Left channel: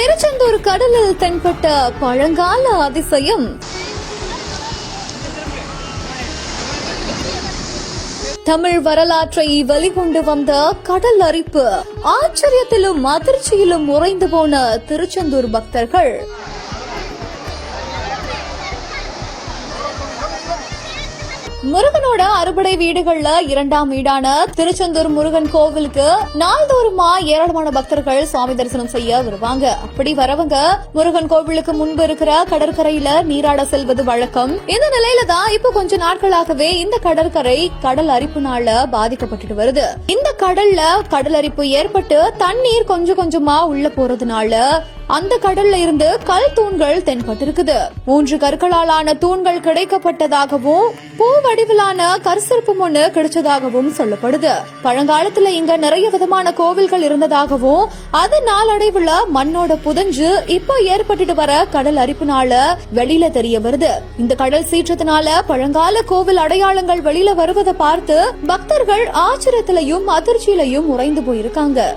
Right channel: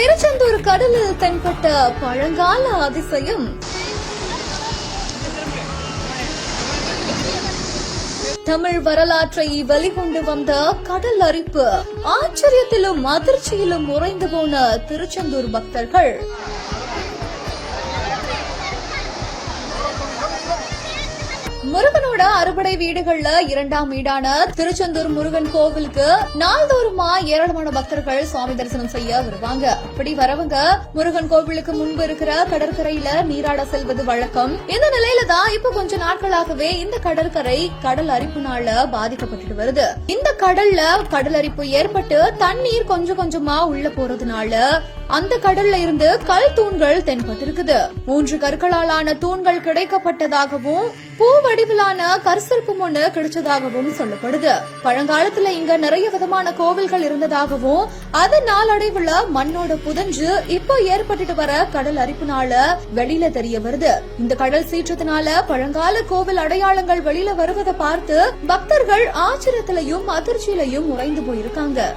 திருச்செந்தூர் கடலில் தென்பட்ட பழங்கால அதிசயம். தமிழ் வரலாற்றை வெளிகொண்டு வந்த கடல் அரிப்பு ஆச்சரியத்திலும் அதிர்ச்சியிலும் உறைந்து போன திருச்செந்தூர் பக்தர்கள். முருகனோட அறுபடை வீடுகள்ல இரண்டாம் வீடான திருச்செந்தூர் முருகன் கோவிலுக்கு நாள்தோறுமா ஏராளமான பக்தர்கள் சுவாமி தரிசனம் செய்ய வருவாங்க. அப்படி வரவங்க முருகன் கோவிலுக்கு முன்பு இருக்கிற கடற்கரையில நீராட செல்வது வழக்கம். இந்த நிலையில தான் இப்போ கொஞ்ச நாட்களாகவே இந்த கடற்கரை கடல் அரிப்புனால பாதிக்கப்பட்டுட்டு வருது. இந்த கடல்ல கடல் அரிப்பு ஏற்பட்டு தண்ணீர் கொஞ்சம் கொஞ்சமா உள்ள போறதுனால அந்த கடல்ல இருந்து கல் தூண்கள் தென்பட்டிருக்குது. மூன்று கற்களாலான தூண்கள் கிடைக்கப்பட்டதாகவும் பூ வடிவிலான கற்சிற்பம் ஒண்ணு கிடைச்சதாகவும் சொல்லப்படுது. பழங்காலத்துல இங்க நிறைய விதமான கோவில்கள் இருந்ததாகவும் அது நாளடைவுல மண்ணோட புதஞ்சு இப்ப ஏற்பட்டுட்டு வர கடல் அரிப்புனால வெளியில தெரிய வருது. இந்த கடல் சீற்றத்தினால பழங்கால கோவில் அடையாளங்கள் வெளியில வருவதை பார்த்து பக்தர்கள் ஆச்சரியத்திலையும் அதிர்ச்சியிலையும் உறைந்து போயிருக்காங்க.